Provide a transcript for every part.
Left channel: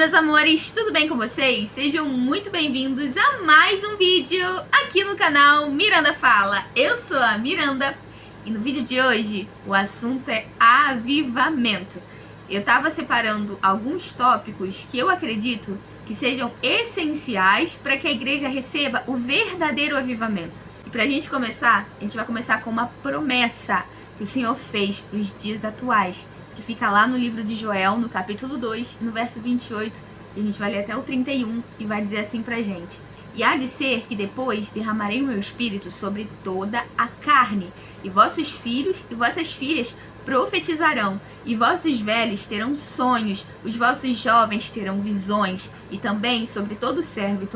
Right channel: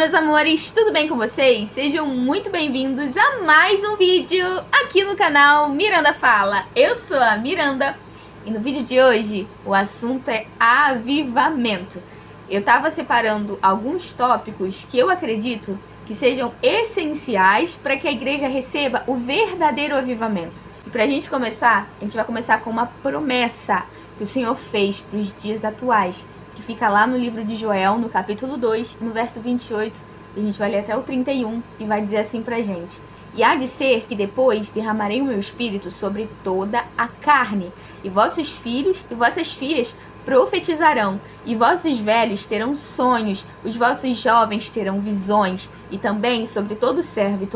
meus amores, tudo bem com vocês? Sejam muito bem-vindos a mais um vídeo aqui no canal Miranda Fala. Eu sou a Miranda e no vídeo de hoje o assunto é avivamento. Eu tava separando alguns tópicos que eu acredito que sejam essenciais para que a igreja receba o verdadeiro avivamento. E pra gente começar, a gente vai começar com uma promessa que o Senhor fez para os dias atuais, que fica lá no livro de Joel, no capítulo 2, no verso 28, e a gente vai ler até o 31, e vai dizer assim pra gente: E há de ser que depois derramarei o meu espírito sobre toda a carne, e vossos filhos e vossas filhas profetizarão, e vossos velhos terão sonhos, os vossos jovens terão visões, e também sobre todo servo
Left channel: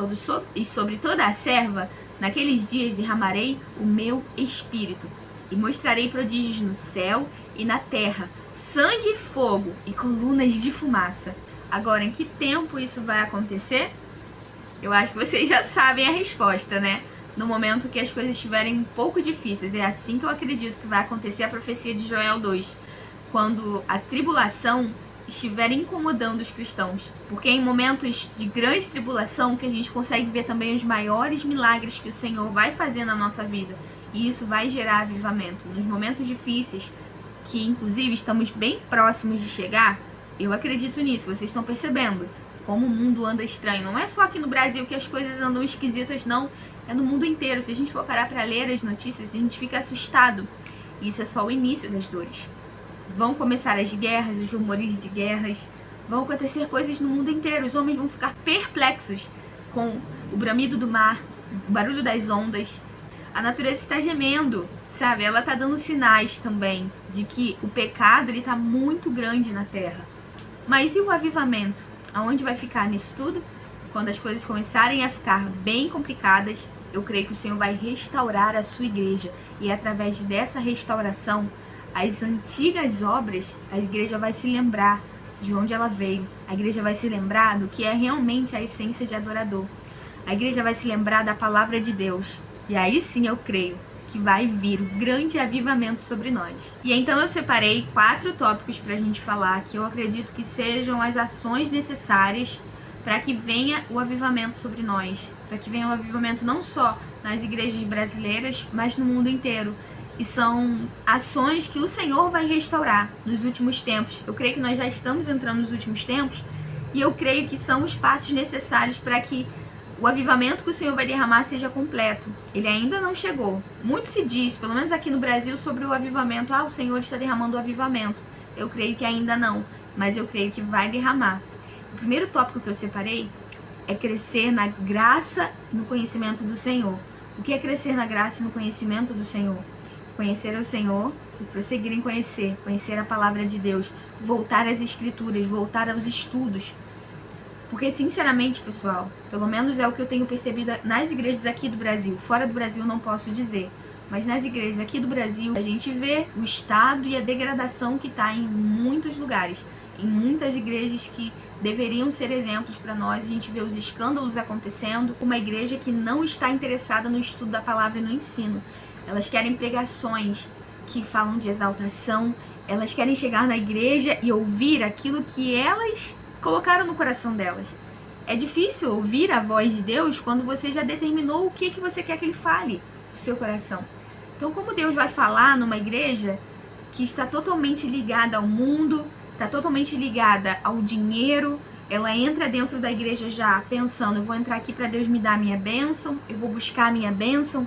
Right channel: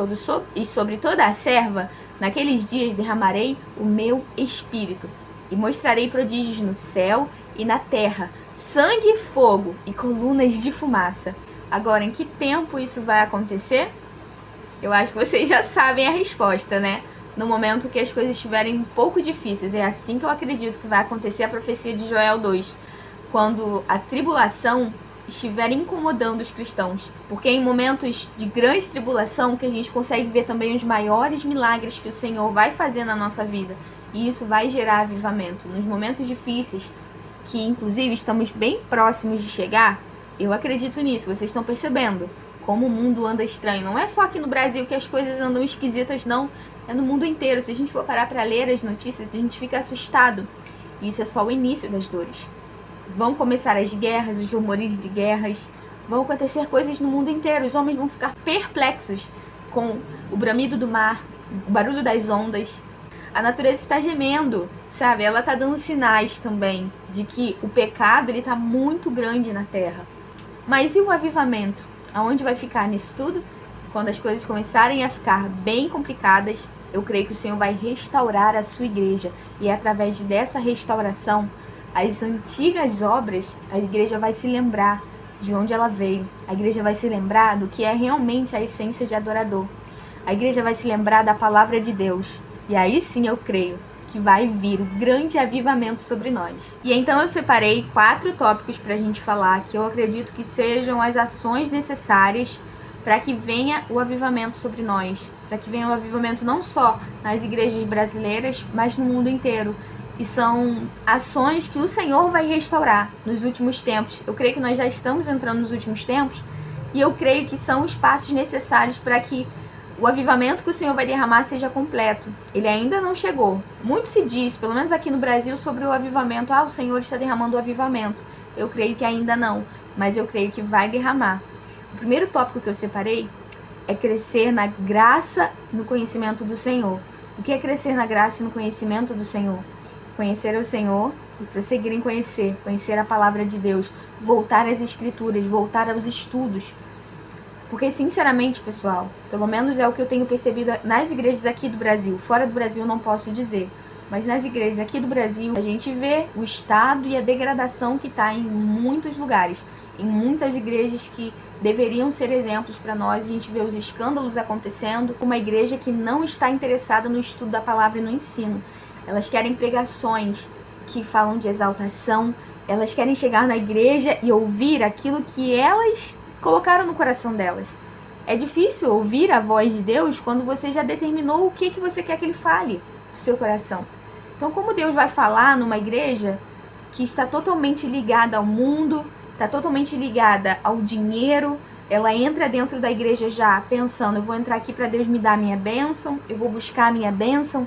e sobre toda a serva, naqueles dias derramarei o meu espírito, e mostrarei prodígios no céu e na terra, sangue, fogo e colunas de fumaça. Agora, em que tempo isso vai acontecer? Eu acho que vocês já sabem a resposta, né? No momento que as coisas estiverem um pouco difíceis. É assim que eu acredito que vai acontecer a profecia de Joel 2. Quando a tribulação estiver incomodando os cristãos. Porque é em momentos de grande tribulação que a gente consegue ver também os maiores milagres que o Senhor vai fazer na nossa vida. E isso vai gerar avivamento. Nos momentos difíceis, que inclusive estamos bem próximos de chegar, eu acredito nisso. Vocês estão percebendo como o mundo anda estranho. Não é só aqui no Brasil que as coisas andam esquisitas, não. É no mundo inteiro. Se a gente for parar para ler as notícias, a gente fica assustado. E isso é só o início das dores. Vão começar as guerras, os rumores de guerras. Vão acontecer coisas no mundo inteiro. Os homens vão ficar perplexos com o bramido do mar, o barulho das ondas. A natureza está gemendo, sabe? Ela está dando sinais também de que o pecado ele está muito grande na terra. Mas e o avivamento? Aonde vai ficar nisso tudo? Quando as coisas começarem a ficar bem complicadas, eu creio que o Senhor vai restaurar a sua igreja. E através dessa restauração, as antigas obras, a igreja vai se lembrar de onde ela veio. A igreja vai se lembrar do que é realmente a essência de adorador. A igreja vai se lembrar da palavra de Deus. E aí sim eu creio que vai vir o grande avivamento sobre nós. E então eu separei 4 tópicos para a gente falar, que eu acredito que sejam as ações necessárias para que venha o avivamento sobre nós. Para que venha o avivamento não só nas igrejas brasileiras, mas no mundo inteiro. E são ações que o Senhor vai restaurar nos últimos tempos. Eu creio que nós já estamos entrando nos últimos tempos. E eu creio que são os passos necessários para que o avivamento que o Senhor vai derramar seja completo. Ele ainda não chegou. Muito se diz, pelo menos aqui no Brasil, sobre o avivamento. O Senhor está derramando o avivamento. Eu creio que ainda não, mas eu creio que vai derramar. O primeiro tópico que eu separei é crescer na graça e no conhecimento do Senhor. O que é crescer na graça e no conhecimento do Senhor? Conhecer o Senhor e prosseguir em conhecer a palavra de Deus, voltar às escrituras, voltar aos estudos. Porque, sinceramente, pessoal, pelo menos é o que eu tenho percebido nas igrejas aqui do Brasil. Fora do Brasil eu não posso dizer. Mas nas igrejas aqui do Brasil, a gente vê o estado e a degradação que está em muitos lugares. Em muitas igrejas que deveriam ser exemplos para nós, a gente vê os escândalos acontecendo. Uma igreja que não está interessada no estudo da palavra e no ensino. Elas querem pregações que falam de exaltação. Elas querem chegar na igreja e ouvir aquilo que elas colocaram no coração delas. É difícil ouvir a voz de Deus quando você já determinou o que você quer que Ele fale do seu coração. Então, como Deus vai falar numa igreja que está totalmente ligada ao mundo, está totalmente ligada ao dinheiro, ela entra dentro da igreja já pensando, eu vou entrar aqui para Deus me dar a minha bênção, eu vou buscar a minha bênção.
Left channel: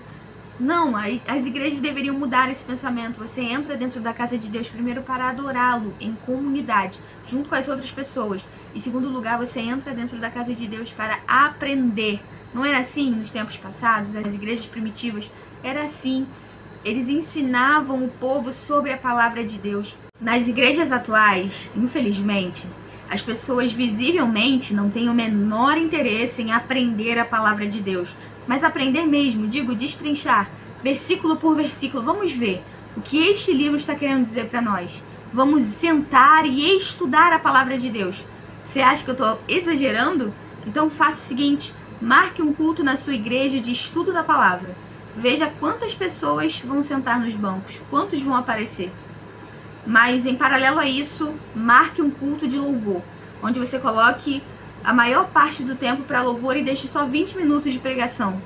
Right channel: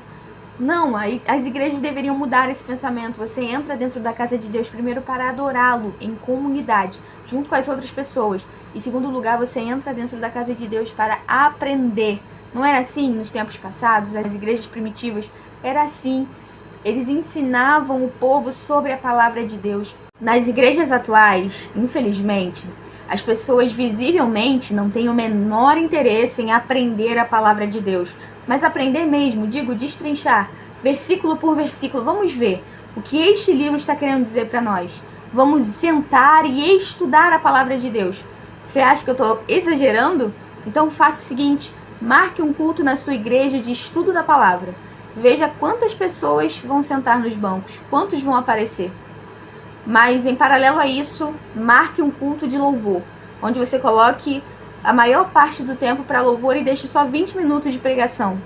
Não, as igrejas deveriam mudar esse pensamento. Você entra dentro da casa de Deus primeiro para adorá-lo em comunidade, junto com as outras pessoas. Em segundo lugar, você entra dentro da casa de Deus para aprender. Não era assim nos tempos passados? As igrejas primitivas era assim. Eles ensinavam o povo sobre a palavra de Deus. Nas igrejas atuais, infelizmente, as pessoas visivelmente não têm o menor interesse em aprender a palavra de Deus. Mas aprender mesmo, digo, destrinchar, versículo por versículo. Vamos ver o que este livro está querendo dizer para nós. Vamos sentar e estudar a palavra de Deus. Você acha que eu estou exagerando? Então faça o seguinte, marque um culto na sua igreja de estudo da palavra. Veja quantas pessoas vão sentar nos bancos, quantos vão aparecer. Mas em paralelo a isso, marque um culto de louvor, onde você coloque a maior parte do tempo para louvor e deixe só 20 minutos de pregação.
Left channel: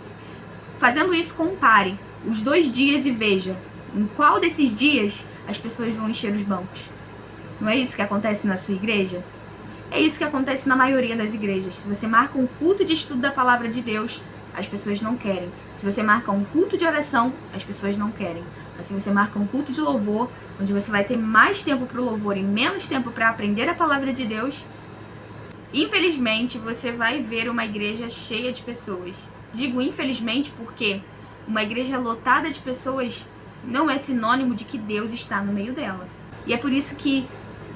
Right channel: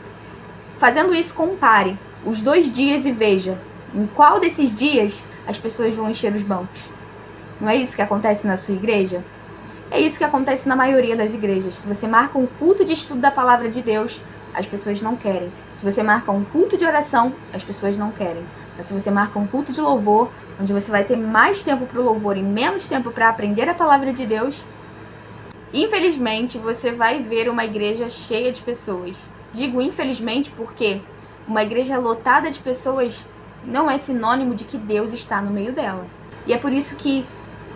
Fazendo isso, compare os 2 dias e veja em qual desses dias as pessoas vão encher os bancos. Não é isso que acontece na sua igreja? É isso que acontece na maioria das igrejas. Se você marca um culto de estudo da palavra de Deus, as pessoas não querem. Se você marca um culto de oração, as pessoas não querem. Mas se você marca um culto de louvor, onde você vai ter mais tempo para o louvor e menos tempo para aprender a palavra de Deus, infelizmente você vai ver uma igreja cheia de pessoas. Digo infelizmente porque uma igreja lotada de pessoas não é sinônimo de que Deus está no meio dela. E é por isso que,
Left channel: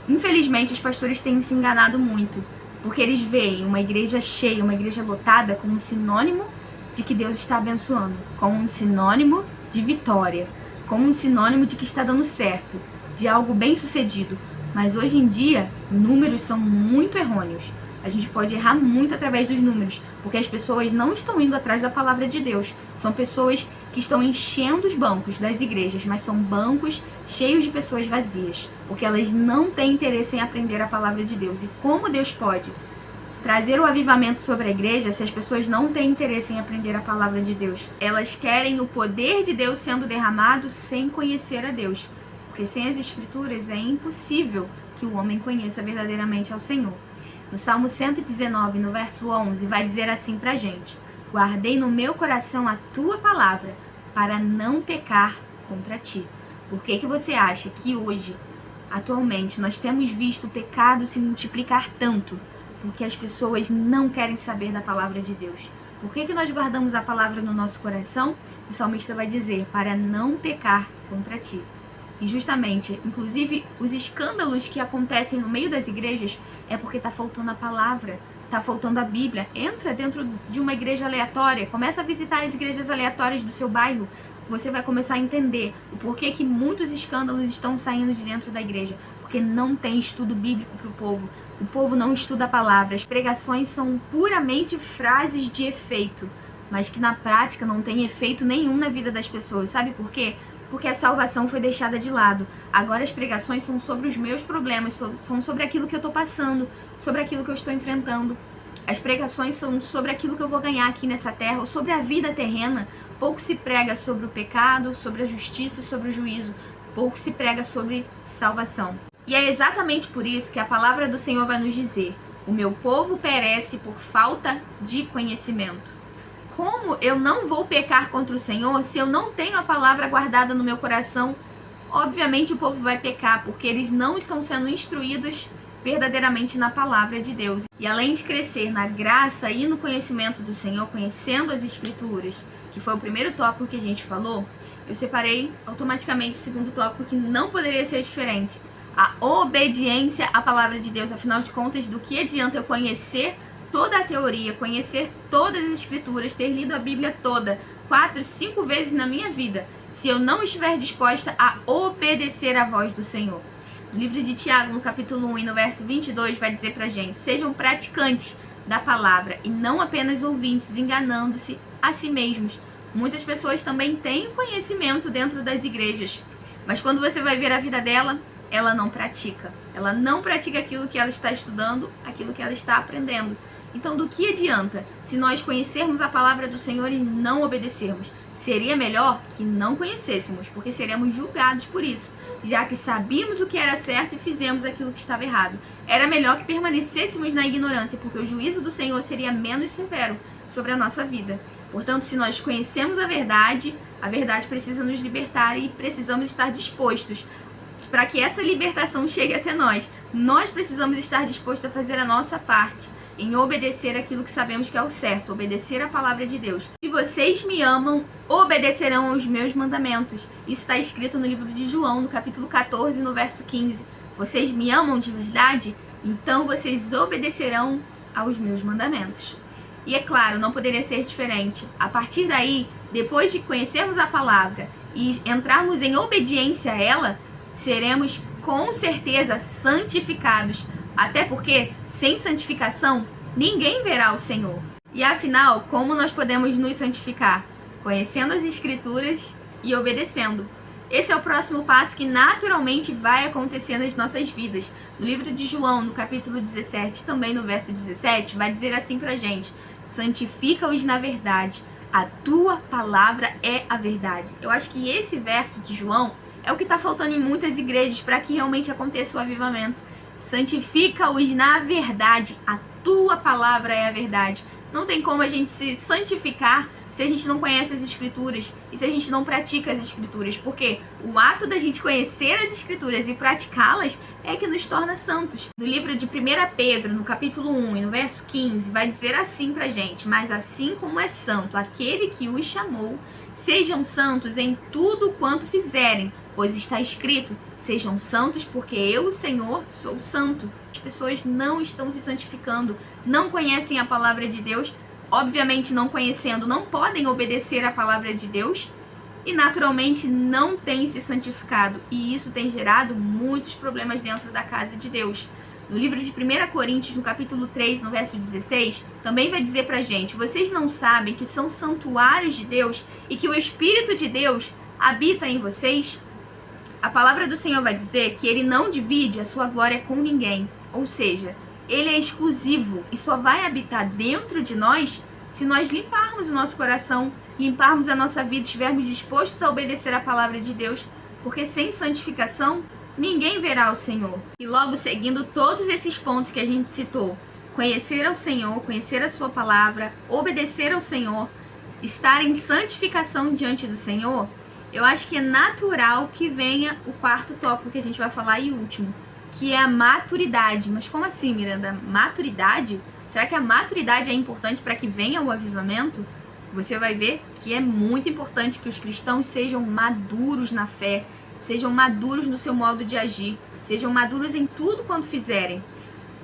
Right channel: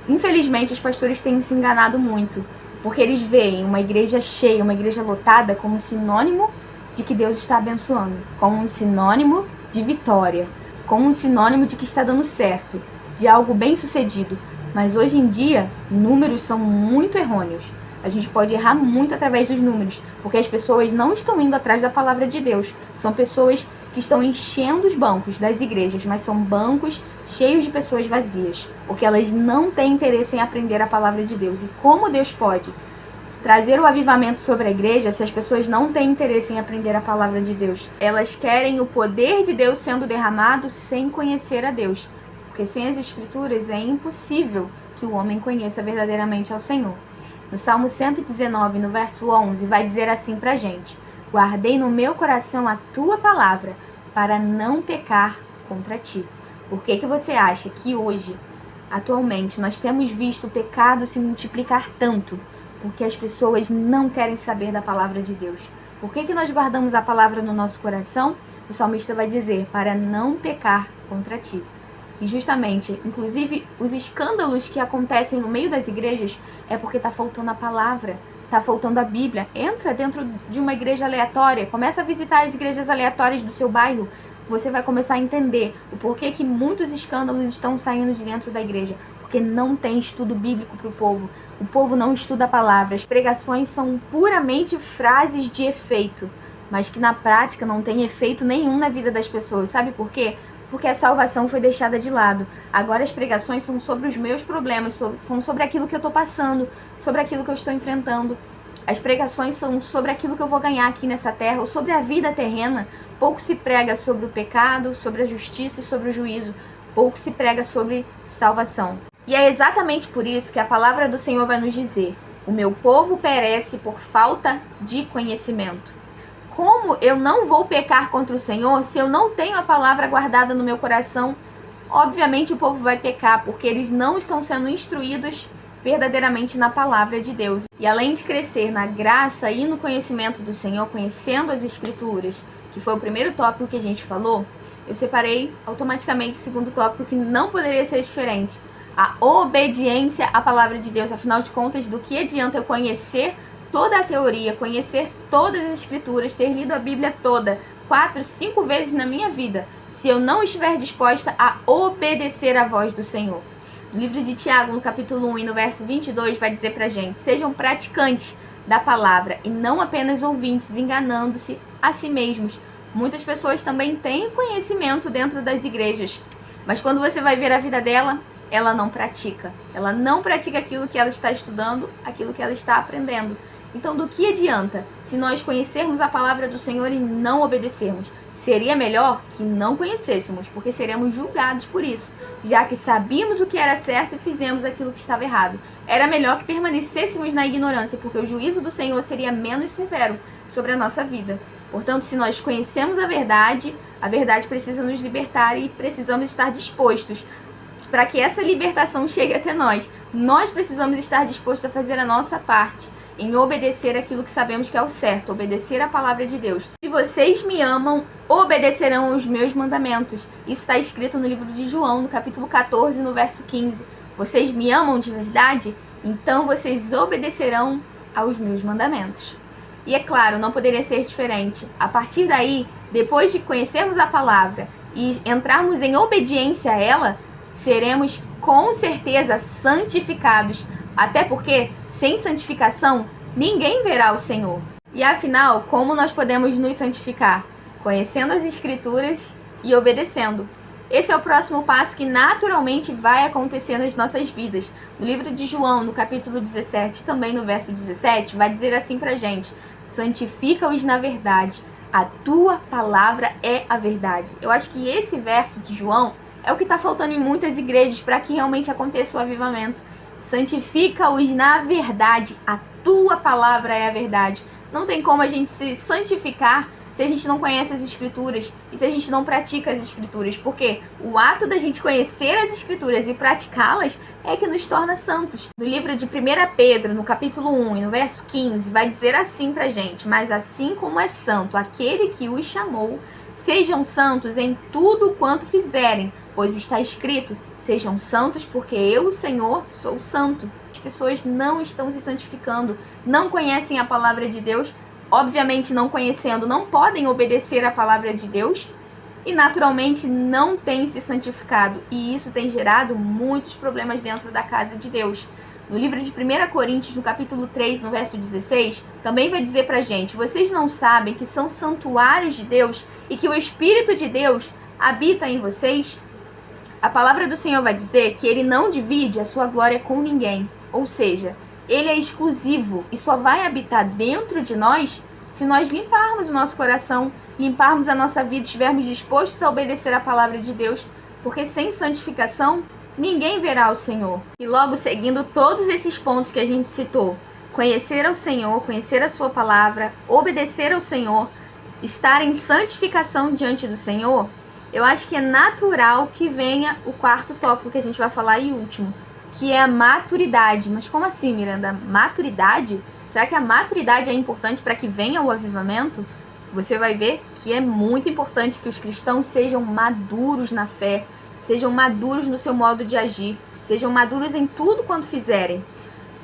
infelizmente, os pastores têm se enganado muito, porque eles veem uma igreja cheia, uma igreja lotada como sinônimo de que Deus está abençoando, como um sinônimo de vitória, como um sinônimo de que está dando certo, de algo bem sucedido. Mas hoje em dia, números são muito errôneos. A gente pode errar muito através dos números, porque as pessoas não estão indo atrás da palavra de Deus. São pessoas que estão enchendo os bancos das igrejas, mas são bancos cheios de pessoas vazias, porque elas não têm interesse em aprender a palavra de Deus. E como Deus pode trazer o avivamento sobre a igreja se as pessoas não têm interesse em aprender a palavra de Deus? Elas querem o poder de Deus sendo derramado sem conhecer a Deus, porque sem as Escrituras é impossível que o homem conheça verdadeiramente ao Senhor. No Salmo 119, no verso 11, vai dizer assim pra gente: guardei no meu coração a tua palavra, para não pecar contra ti. Por que você acha que hoje, atualmente, nós temos visto o pecado se multiplicar tanto? Porque as pessoas não querem saber da palavra de Deus. Por que nós guardamos a palavra no nosso coração? O salmista vai dizer: para não pecar contra ti. E justamente, inclusive, os escândalos que acontecem no meio das igrejas é porque está faltando a palavra, está faltando a Bíblia. Entra dentro de uma igreja aleatória, começa a visitar as igrejas aleatórias do seu bairro, você vai começar a entender o porquê que muitos escândalos estão saindo de dentro da igreja. Porque não tem estudo bíblico para o povo não estuda a palavra, as pregações são puramente frases de efeito, mas que na prática não tem efeito nenhum na vida das pessoas. Sabe por quê? Porque a salvação foi deixada de lado. Agora as pregações são sobre os meus problemas, são sobre aquilo que eu estou passando, sobre aquilo que eu estou enfrentando. As pregações são sobre aquilo que eu vou ganhar aqui nessa terra, ou sobre a vida terrena. Pouco se prega sobre o pecado, sobre a justiça e sobre o juízo. Pouco se prega sobre salvação. E é exatamente por isso que a palavra do Senhor vai nos dizer: o meu povo perece por falta de conhecimento. Como eu não vou pecar contra o Senhor se eu não tenho a palavra guardada no meu coração? Obviamente o povo vai pecar, porque eles não estão sendo instruídos verdadeiramente na palavra de Deus. E além de crescer na graça e no conhecimento do Senhor, conhecendo as Escrituras, que foi o primeiro tópico que a gente falou, eu separei automaticamente o segundo tópico, que não poderia ser diferente: a obediência à palavra de Deus. Afinal de contas, do que adianta eu conhecer toda a teoria, conhecer todas as escrituras, ter lido a Bíblia toda 4, 5 vezes na minha vida, se eu não estiver disposta a obedecer à voz do Senhor? No livro de Tiago, no capítulo 1 e no verso 22, vai dizer pra gente: sejam praticantes da palavra e não apenas ouvintes, enganando-se a si mesmos. Muitas pessoas também têm conhecimento dentro das igrejas, mas quando você vai ver a vida dela, ela não pratica. Ela não pratica aquilo que ela está estudando, aquilo que ela está aprendendo. Então, do que adianta se nós conhecermos a palavra do Senhor e não obedecermos? Seria melhor que não conhecêssemos, porque seremos julgados por isso, já que sabíamos o que era certo e fizemos aquilo que estava errado. Era melhor que permanecêssemos na ignorância, porque o juízo do Senhor seria menos severo sobre a nossa vida. Portanto, se nós conhecemos a verdade precisa nos libertar e precisamos estar dispostos para que essa libertação chegue até nós. Nós precisamos estar dispostos a fazer a nossa parte em obedecer aquilo que sabemos que é o certo, obedecer a palavra de Deus. Se vocês me amam, obedecerão aos meus mandamentos. Isso está escrito no livro de João, no capítulo 14, no verso 15. Vocês me amam de verdade? Então vocês obedecerão aos meus mandamentos. E é claro, não poderia ser diferente. A partir daí, depois de conhecermos a palavra e entrarmos em obediência a ela, seremos com certeza santificados. Até porque, sem santificação, ninguém verá o Senhor. E afinal, como nós podemos nos santificar? Conhecendo as Escrituras e obedecendo. Esse é o próximo passo que naturalmente vai acontecer nas nossas vidas. No livro de João, no capítulo 17, também no verso 17, vai dizer assim pra gente: santifica-os na verdade, a tua palavra é a verdade. Eu acho que esse verso de João é o que está faltando em muitas igrejas para que realmente aconteça o avivamento. Santifica-os na verdade, a tua palavra é a verdade. Não tem como a gente se santificar se a gente não conhece as escrituras e se a gente não pratica as escrituras, porque o ato da gente conhecer as escrituras e praticá-las é que nos torna santos. No livro de 1 Pedro, no capítulo 1 e no verso 15, vai dizer assim pra gente: mas assim como é santo aquele que os chamou, sejam santos em tudo quanto fizerem, pois está escrito: sejam santos porque eu, o Senhor, sou santo. As pessoas não estão se santificando, não conhecem a palavra de Deus. Obviamente, não conhecendo, não podem obedecer à palavra de Deus e naturalmente não têm se santificado. E isso tem gerado muitos problemas dentro da casa de Deus. No livro de 1 Coríntios, no capítulo 3, no verso 16, também vai dizer pra gente: vocês não sabem que são santuários de Deus e que o Espírito de Deus habita em vocês? A palavra do Senhor vai dizer que ele não divide a sua glória com ninguém. Ou seja, ele é exclusivo e só vai habitar dentro de nós se nós limparmos o nosso coração, limparmos a nossa vida, estivermos dispostos a obedecer a palavra de Deus, porque sem santificação ninguém verá o Senhor. E logo seguindo todos esses pontos que a gente citou, conhecer ao Senhor, conhecer a sua palavra, obedecer ao Senhor, estar em santificação diante do Senhor, eu acho que é natural que venha o quarto tópico que a gente vai falar e último, que é a maturidade. Mas como assim, Miranda? Maturidade? Será que a maturidade é importante para que venha o avivamento? Você vai ver que é muito importante que os cristãos sejam maduros na fé, sejam maduros no seu modo de agir, sejam maduros em tudo quanto fizerem.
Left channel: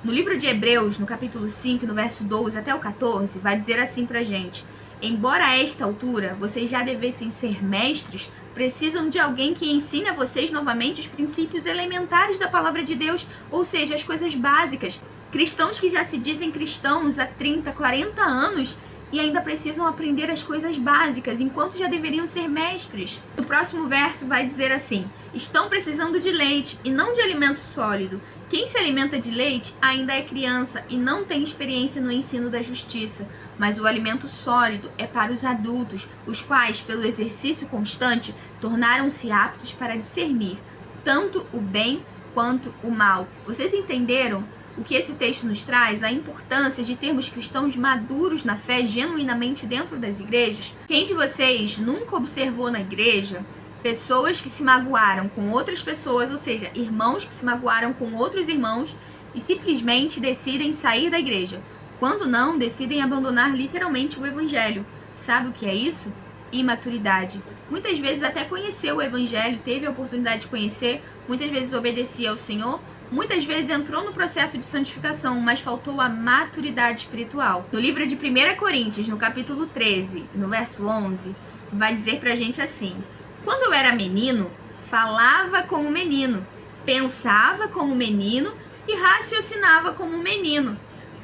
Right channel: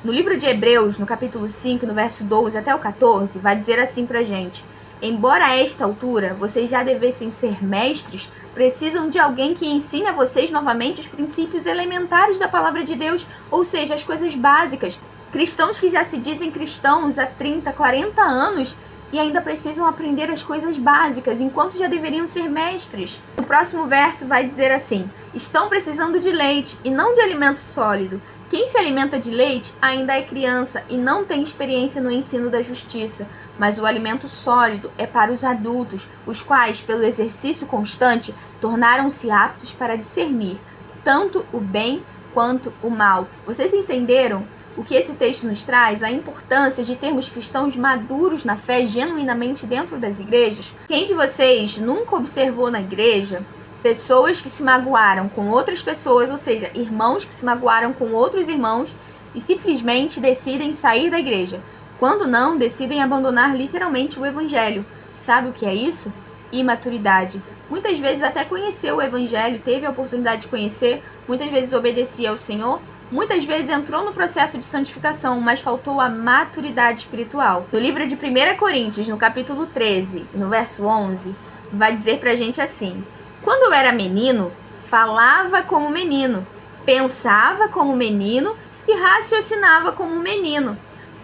No livro de Hebreus, no capítulo 5, no verso 12 até o 14, vai dizer assim pra gente: embora a esta altura vocês já devessem ser mestres, precisam de alguém que ensine a vocês novamente os princípios elementares da palavra de Deus, ou seja, as coisas básicas. Cristãos que já se dizem cristãos há 30, 40 anos e ainda precisam aprender as coisas básicas, enquanto já deveriam ser mestres. O próximo verso vai dizer assim: estão precisando de leite e não de alimento sólido. Quem se alimenta de leite ainda é criança e não tem experiência no ensino da justiça, mas o alimento sólido é para os adultos, os quais, pelo exercício constante, tornaram-se aptos para discernir tanto o bem quanto o mal. Vocês entenderam o que esse texto nos traz? A importância de termos cristãos maduros na fé genuinamente dentro das igrejas? Quem de vocês nunca observou na igreja pessoas que se magoaram com outras pessoas, ou seja, irmãos que se magoaram com outros irmãos e simplesmente decidem sair da igreja? Quando não, decidem abandonar literalmente o evangelho. Sabe o que é isso? Imaturidade. Muitas vezes até conheceu o evangelho, teve a oportunidade de conhecer, muitas vezes obedecia ao Senhor, muitas vezes entrou no processo de santificação, mas faltou a maturidade espiritual. No livro de 1 Coríntios, no capítulo 13, no verso 11, vai dizer pra gente assim: quando eu era menino, falava como menino, pensava como menino e raciocinava como menino.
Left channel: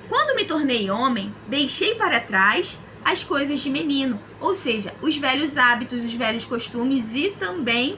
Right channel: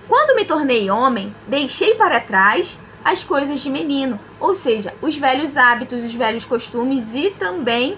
Quando me tornei homem, deixei para trás as coisas de menino, ou seja, os velhos hábitos, os velhos costumes e também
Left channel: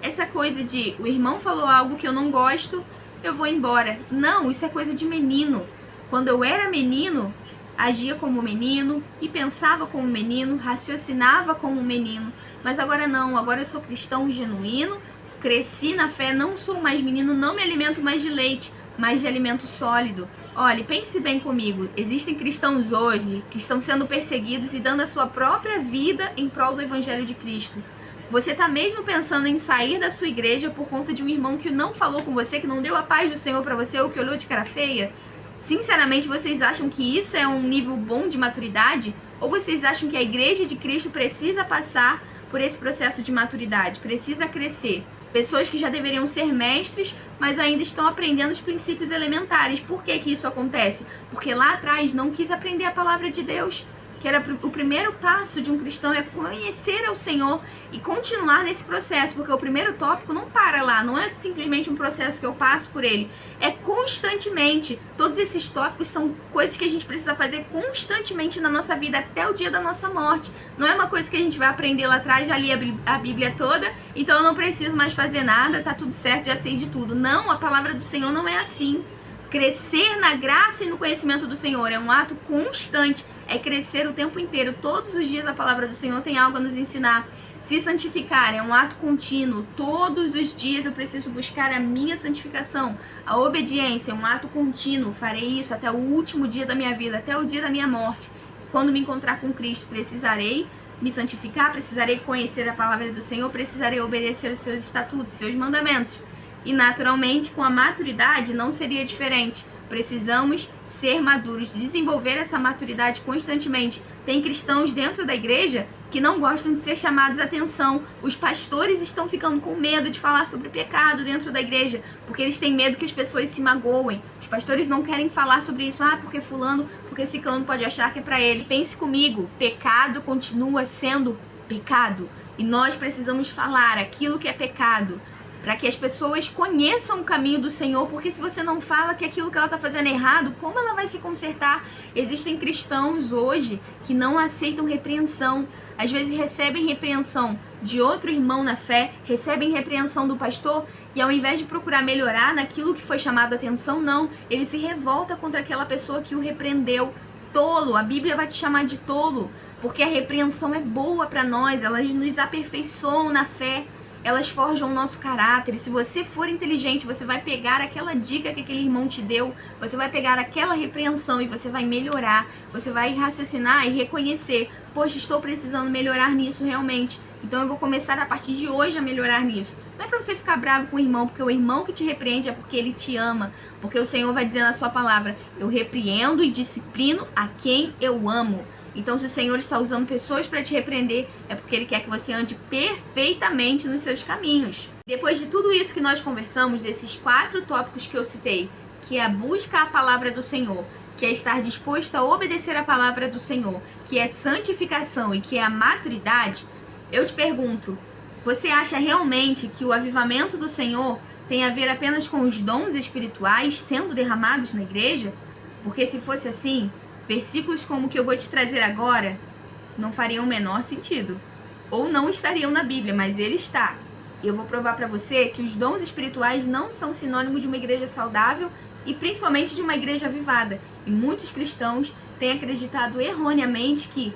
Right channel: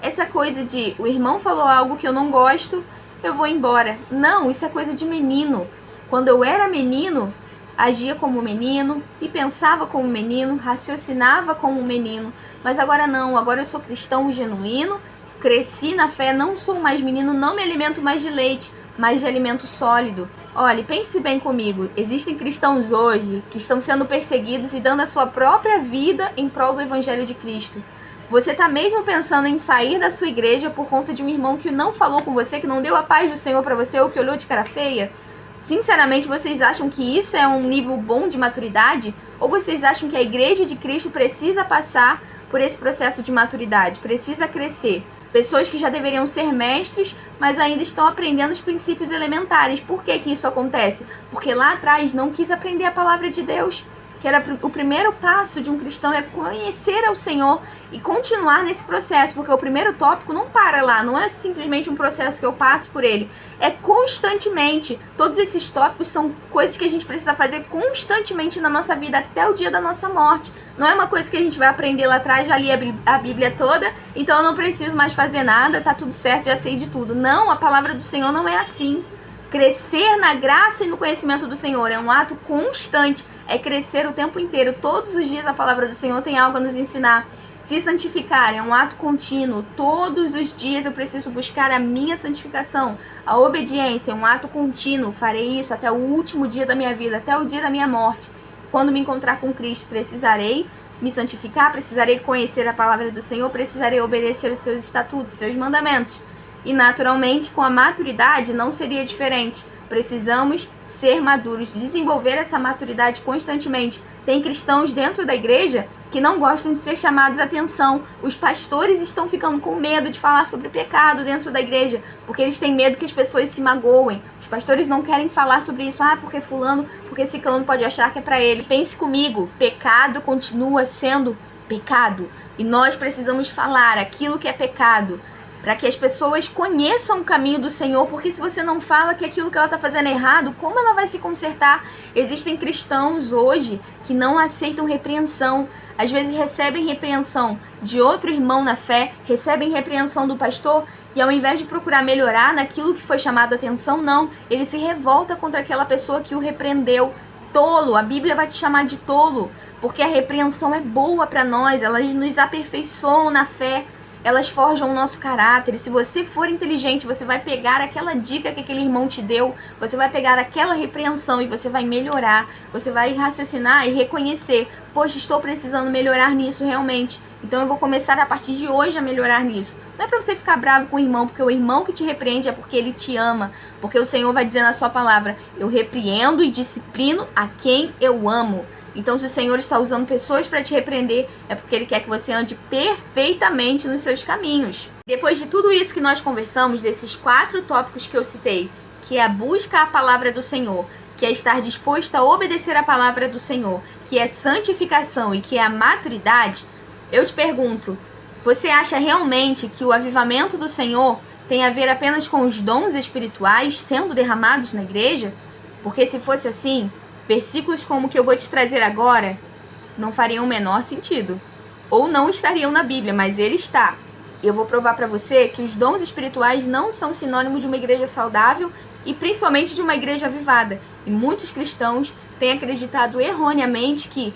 essa coisa de o irmão falou algo que eu não gosto, eu vou embora. Não, isso é coisa de menino. Quando eu era menino, agia como menino e pensava como menino, raciocinava como menino. Mas agora não, agora eu sou cristão genuíno, cresci na fé, não sou mais menino, não me alimento mais de leite, mas de alimento sólido. Olha, pense bem comigo, existem cristãos hoje que estão sendo perseguidos e dando a sua própria vida em prol do Evangelho de Cristo. Você está mesmo pensando em sair da sua igreja por conta de um irmão que não falou com você, que não deu a paz do Senhor para você ou que olhou de cara feia? Sinceramente, vocês acham que isso é um nível bom de maturidade? Ou vocês acham que a igreja de Cristo precisa passar por esse processo de maturidade, precisa crescer? Pessoas que já deveriam ser mestres, mas ainda estão aprendendo os princípios elementares. Por que que isso acontece? Porque lá atrás não quis aprender a palavra de Deus. que era o primeiro passo de um cristão é conhecer ao Senhor e continuar nesse processo, porque o primeiro tópico não para lá, não é simplesmente um processo que eu passo por ele, é constantemente. Todos esses tópicos são coisas que a gente precisa fazer constantemente na nossa vida até o dia da nossa morte. Não é uma coisa que a gente vai aprender lá atrás, já li a Bíblia toda, então eu não preciso mais fazer nada, tá tudo certo, já sei de tudo. Não, a palavra do Senhor não é assim. Crescer na graça e no conhecimento do Senhor é um ato constante, é crescer o tempo inteiro. Todos os dias a palavra do Senhor tem algo a nos ensinar. Se santificar é um ato contínuo. Todos os dias eu preciso buscar a minha santificação. A obediência é um ato contínuo. Farei isso até o último dia da minha vida, até o dia da minha morte. Quando me encontrar com Cristo, precisarei me santificar, precisarei conhecer a palavra do Senhor, precisarei obedecer os seus estatutos, seus mandamentos. E naturalmente, com a maturidade, não seria diferente. Precisamos ser maduros, desenvolver essa maturidade constantemente. Tem cristãos dentro da igreja que não gostam de ser chamados a atenção. Os pastores estão ficando com medo de falar sobre pecado dentro da igreja, porque eles têm medo que as pessoas se magoem. Os pastores não querem falar sobre isso. Porque fulano, porque ciclano pode achar que é pra ele. Pense comigo, pecado continua sendo pecado. E nós precisamos falar aquilo que é pecado, para que as pessoas conheçam o caminho do Senhor, porque se você não fala que aquilo que ela está fazendo é errado, como ela vai se consertar? Existem cristãos hoje que não aceitam repreensão, às vezes recebem repreensão de outro irmão na fé, recebem repreensão do pastor, e ao invés de procurar melhorar naquilo que foi chamado a atenção, não, ele se revolta contra aquela pessoa que o repreendeu. Tolo, a Bíblia vai te chamar de tolo, porque a repreensão é boa para nós, elas nos aperfeiçoam na fé. Elas forjam o nosso caráter. E se você for inteligente, você vai pegar aquela dica que aquele irmão te deu, você vai pegar aquela repreensão e você vai melhorar. Você vai raciocinar e reconhecer: poxa, estou precisando melhorar nisso realmente. Então eu vou começar a partir de hoje a melhorar nisso. Não é para você ficar bravo com o irmão, porque o irmão que te repreende é porque ele te ama. Porque o Senhor vai dizer na sua palavra: eu repreendo e disciplino a quem eu amo. Então, se o Senhor está usando pessoas para te repreender, é porque Ele quer que você ande perfeitamente nos seus caminhos. Depois de tudo isso que nós conversamos, desses 4 tópicos que eu citei, que é a busca à palavra do Senhor, que é estar disposto a obedecer a palavra do Senhor, que é santificação e que é a maturidade, eu te pergunto, você acha realmente que o avivamento do Senhor tem a ver apenas com os dons espirituais sendo derramados na igreja? Porque se fosse assim, versículos como o que eu vou te trazer agora não fariam o menor sentido. Ou não estariam na Bíblia, mas ele está. Eu vou provar para você que os dons espirituais não são sinônimo de uma igreja saudável e principalmente de uma igreja avivada. E muitos cristãos têm acreditado erroneamente que,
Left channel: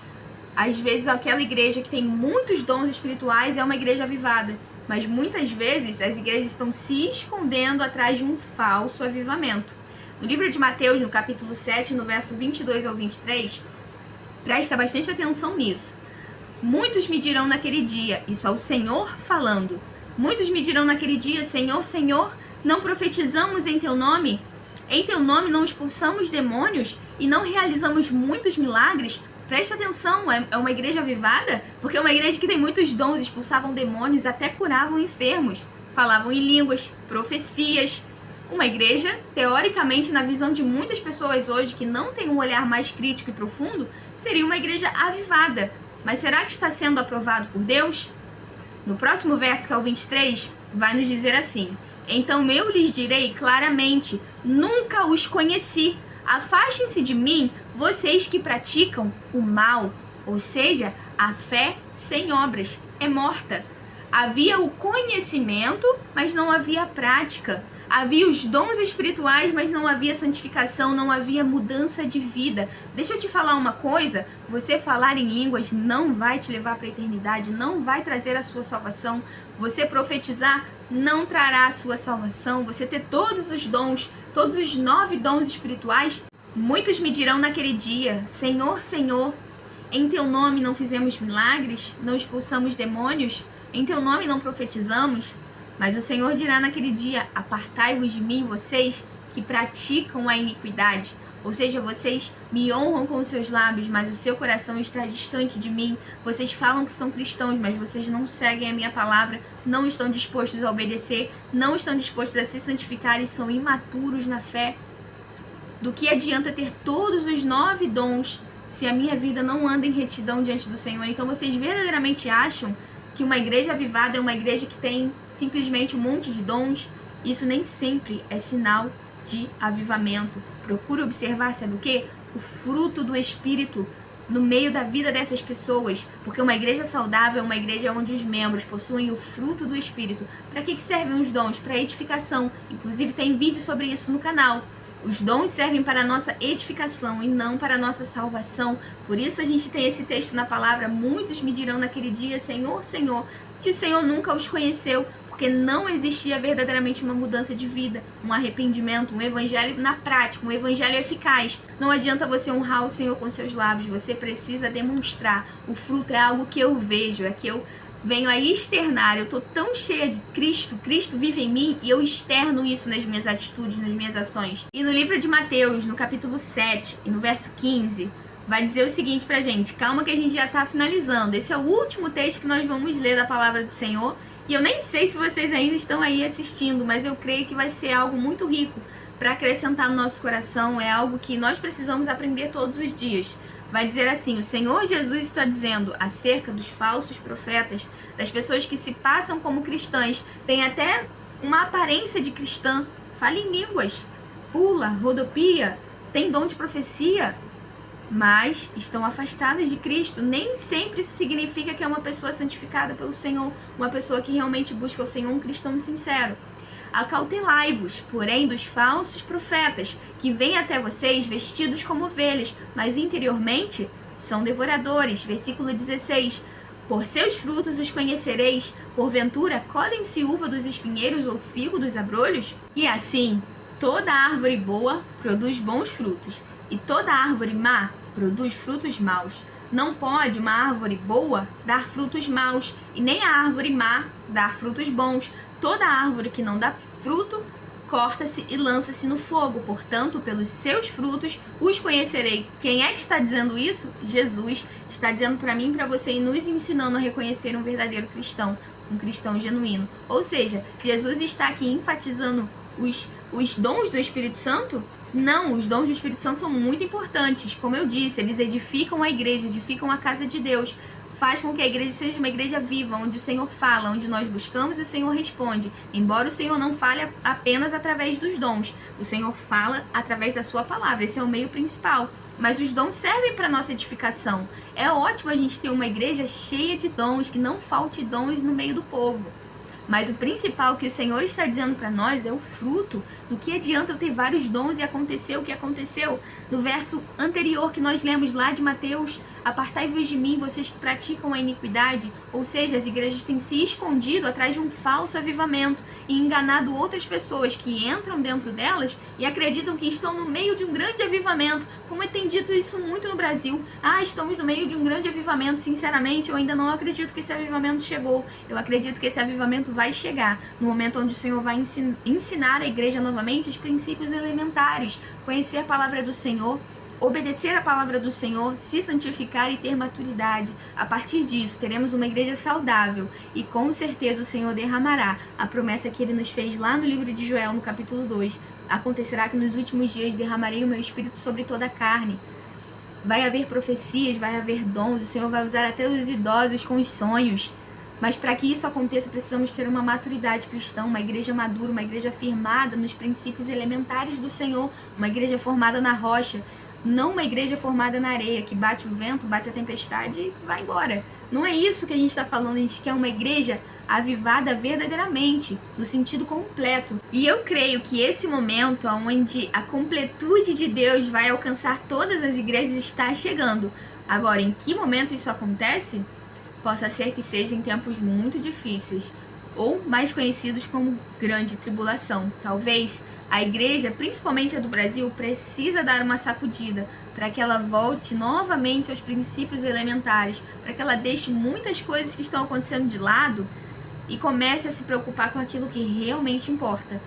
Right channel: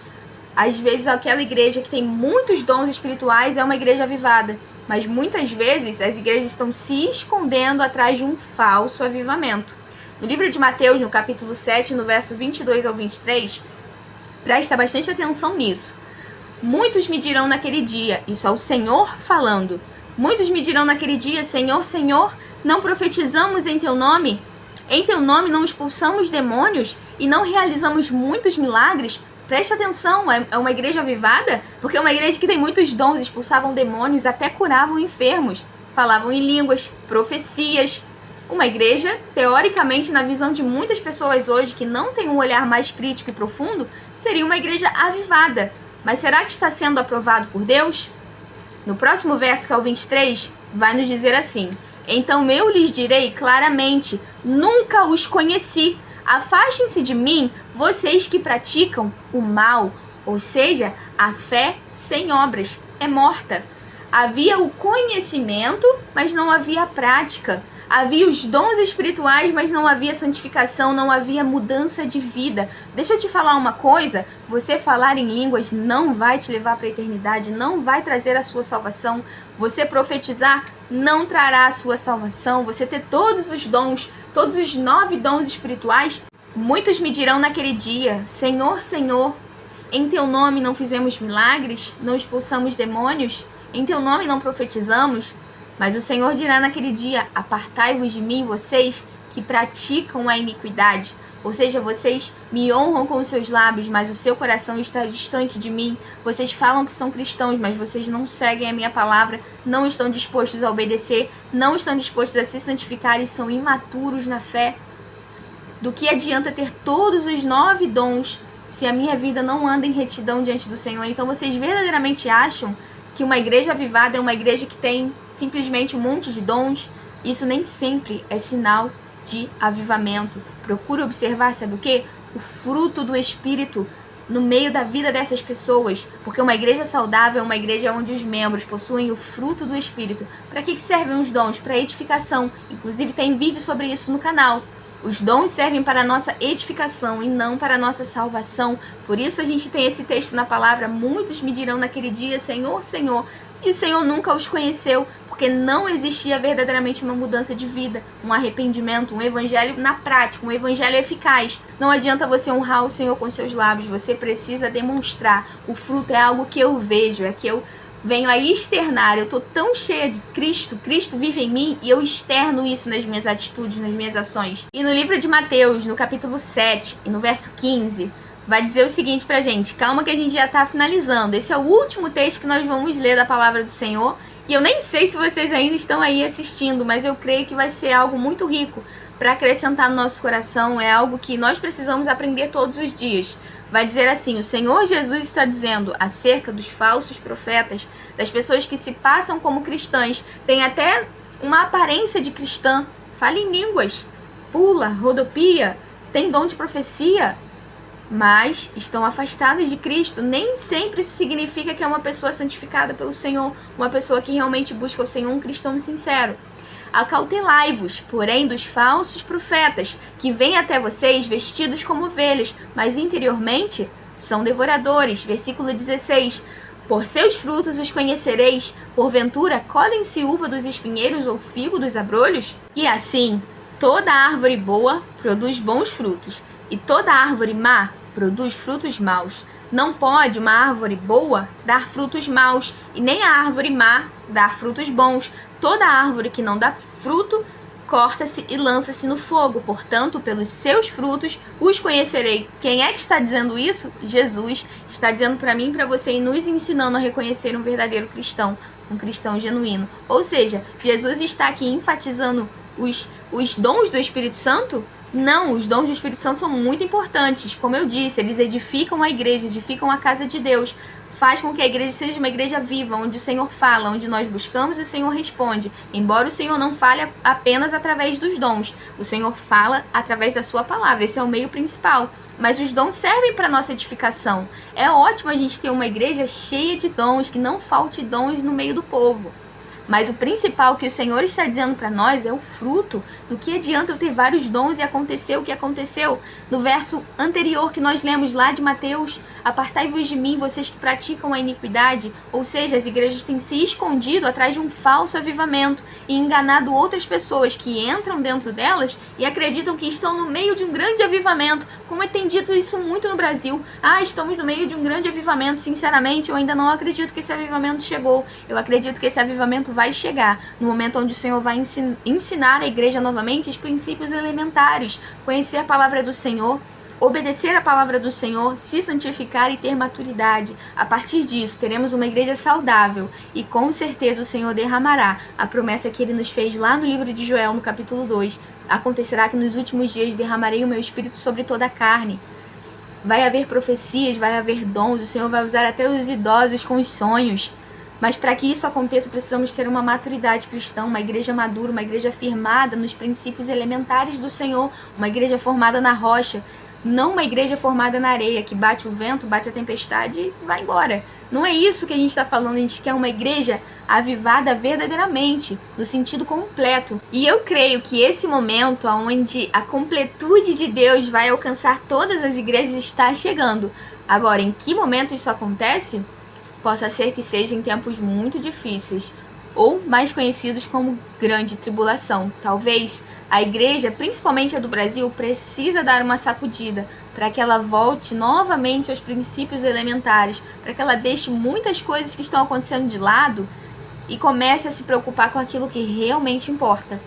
às vezes, aquela igreja que tem muitos dons espirituais é uma igreja avivada. Mas muitas vezes as igrejas estão se escondendo atrás de um falso avivamento. No livro de Mateus, no capítulo 7, no verso 22 ao 23, presta bastante atenção nisso. Muitos me dirão naquele dia, isso é o Senhor falando, muitos me dirão naquele dia: Senhor, Senhor, não profetizamos em teu nome? Em teu nome não expulsamos demônios e não realizamos muitos milagres? Presta atenção, é uma igreja avivada? Porque é uma igreja que tem muitos dons, expulsavam demônios, até curavam enfermos, falavam em línguas, profecias. Uma igreja, teoricamente, na visão de muitas pessoas hoje que não tem um olhar mais crítico e profundo, seria uma igreja avivada. Mas será que está sendo aprovado por Deus? No próximo verso, que é o 23, vai nos dizer assim: então eu lhes direi claramente, nunca os conheci. Afastem-se de mim, vocês que praticam o mal. Ou seja, a fé sem obras é morta. Havia o conhecimento, mas não havia a prática. Havia os dons espirituais, mas não havia santificação, não havia mudança de vida. Deixa eu te falar uma coisa, você falar em línguas não vai te levar para a eternidade, não vai trazer a sua salvação. Você profetizar não trará a sua salvação. Você ter todos os dons, todos os 9 dons espirituais. Muitos me dirão naquele dia: Senhor, Senhor, em teu nome não fizemos milagres, não expulsamos demônios, em teu nome não profetizamos. Mas o Senhor dirá naquele dia: apartai-vos de mim, vocês que praticam a iniquidade. Ou seja, vocês me honram com os seus lábios, mas o seu coração está distante de mim. Vocês falam que são cristãos, mas vocês não seguem a minha palavra, não estão dispostos a obedecer, não estão dispostos a se santificar e são imaturos na fé. Do que adianta ter todos os 9 dons se a minha vida não anda em retidão diante do Senhor. Então vocês verdadeiramente acham que uma igreja avivada é uma igreja que tem simplesmente um monte de dons? Isso nem sempre é sinal de avivamento. Procure observar, sabe o quê? O fruto do Espírito no meio da vida dessas pessoas, porque uma igreja saudável é uma igreja onde os membros possuem o fruto do Espírito. Para que servem os dons? Para edificação. Inclusive tem vídeo sobre isso no canal. Os dons servem para a nossa edificação e não para a nossa salvação. Por isso a gente tem esse texto na palavra: muitos me dirão naquele dia, Senhor, Senhor, e o Senhor nunca os conheceu, porque não existia verdadeiramente uma mudança de vida, um arrependimento, um evangelho na prática, um evangelho eficaz. Não adianta você honrar o Senhor com seus lábios, você precisa demonstrar. O fruto é algo que eu vejo, é que eu venho a externar. Eu estou tão cheia de Cristo, Cristo vive em mim, e eu externo isso nas minhas atitudes, nas minhas ações. E no livro de Mateus, no capítulo 7 e no verso 15, vai dizer o seguinte pra gente. Calma que a gente já tá finalizando. Esse é o último texto que nós vamos ler da palavra do Senhor. E eu nem sei se vocês ainda estão aí assistindo, mas eu creio que vai ser algo muito rico para acrescentar no nosso coração. É algo que nós precisamos aprender todos os dias. Vai dizer assim: o Senhor Jesus está dizendo acerca dos falsos profetas, das pessoas que se passam como cristãs, tem até uma aparência de cristã, fala em línguas, pula, rodopia, tem dom de profecia, mas estão afastadas de Cristo. Nem sempre isso significa que é uma pessoa santificada pelo Senhor, uma pessoa que realmente busca o Senhor, um cristão sincero. Acautelai-vos, porém, dos falsos profetas, que vêm até vocês vestidos como ovelhas, mas interiormente são devoradores. Versículo 16. Por seus frutos os conhecereis. Porventura, colhem-se uva dos espinheiros ou figo dos abrolhos? E assim, toda árvore boa produz bons frutos, e toda árvore má produz frutos maus. Não pode uma árvore boa dar frutos maus, e nem a árvore má dar frutos bons. Toda árvore que não dá fruto, corta-se e lança-se no fogo. Portanto, pelos seus frutos os conhecerei. Quem é que está dizendo isso? Jesus está dizendo para mim e para você, e nos ensinando a reconhecer um verdadeiro cristão, um cristão genuíno. Ou seja, Jesus está aqui enfatizando os dons do Espírito Santo? Não, os dons do Espírito Santo são muito importantes. Como eu disse, eles edificam a igreja, edificam a casa de Deus. Faz com que a igreja seja uma igreja viva, onde o Senhor fala, onde nós buscamos e o Senhor responde. Embora o Senhor não fale apenas através dos dons, o Senhor fala através da sua palavra. Esse é o meio principal. Mas os dons servem para a nossa edificação. É ótimo a gente ter uma igreja cheia de dons, que não falte dons no meio do povo. Mas o principal que o Senhor está dizendo para nós é o fruto. Do que adianta eu ter vários dons e acontecer o que aconteceu? No verso anterior que nós lemos lá de Mateus: apartai-vos de mim, vocês que praticam a iniquidade. Ou seja, as igrejas têm se escondido atrás de um falso avivamento e enganado outras pessoas que entram dentro delas e acreditam que estão no meio de um grande avivamento. Como é tem dito isso muito no Brasil: estamos no meio de um grande avivamento. Sinceramente, eu ainda não acredito que esse avivamento chegou. Eu acredito que esse avivamento vai chegar no momento onde o Senhor vai ensinar a igreja novamente os princípios elementares, conhecer a palavra do Senhor, obedecer a palavra do Senhor, se santificar e ter maturidade. A partir disso, teremos uma igreja saudável e com certeza o Senhor derramará a promessa que Ele nos fez lá no livro de Joel, no capítulo 2. Acontecerá que nos últimos dias derramarei o meu espírito sobre toda a carne. Vai haver profecias, vai haver dons, o Senhor vai usar até os idosos com os sonhos. Mas para que isso aconteça, precisamos ter uma maturidade cristã, uma igreja madura, uma igreja firmada nos princípios elementares do Senhor, uma igreja formada na rocha, não uma igreja formada na areia, que bate o vento, bate a tempestade e vai embora. Não é isso que a gente está falando, a gente quer uma igreja avivada verdadeiramente, no sentido completo. E eu creio que esse momento onde a completude de Deus vai alcançar todas as igrejas está chegando. Agora, em que momento isso acontece? Possa ser que seja em tempos muito difíceis, ou mais conhecidos como grande tribulação. Talvez a igreja, principalmente a do Brasil, precisa dar uma sacudida para que ela volte novamente aos princípios elementares, para que ela deixe muitas coisas que estão acontecendo de lado e comece a se preocupar com aquilo que realmente importa.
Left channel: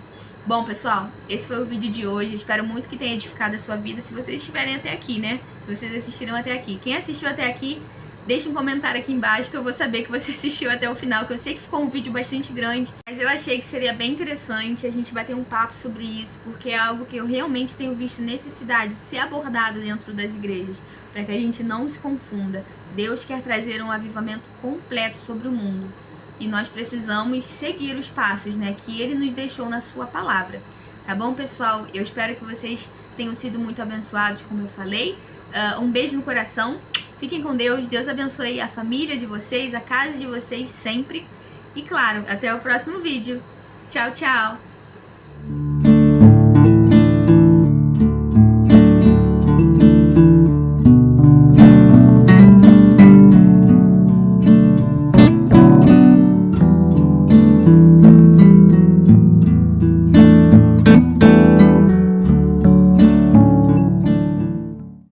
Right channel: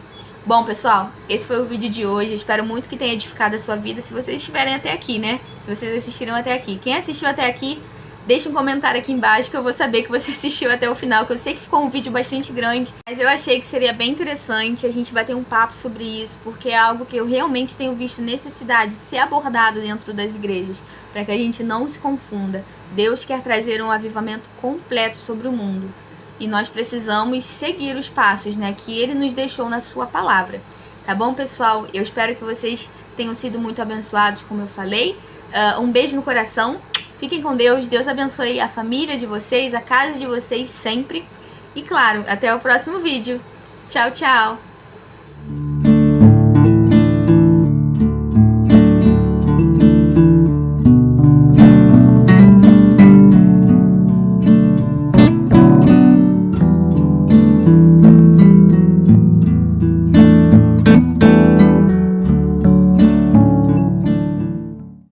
Bom, pessoal, esse foi o vídeo de hoje. Eu espero muito que tenha edificado a sua vida, se vocês estiverem até aqui, né? Se vocês assistiram até aqui. Quem assistiu até aqui, deixa um comentário aqui embaixo que eu vou saber que você assistiu até o final, que eu sei que ficou um vídeo bastante grande, mas eu achei que seria bem interessante a gente bater um papo sobre isso, porque é algo que eu realmente tenho visto necessidade de ser abordado dentro das igrejas, para que a gente não se confunda. Deus quer trazer um avivamento completo sobre o mundo, e nós precisamos seguir os passos, né, que Ele nos deixou na sua palavra. Tá bom, pessoal? Eu espero que vocês tenham sido muito abençoados, como eu falei. Um beijo no coração. Fiquem com Deus. Deus abençoe a família de vocês, a casa de vocês sempre. E claro, até o próximo vídeo. Tchau, tchau!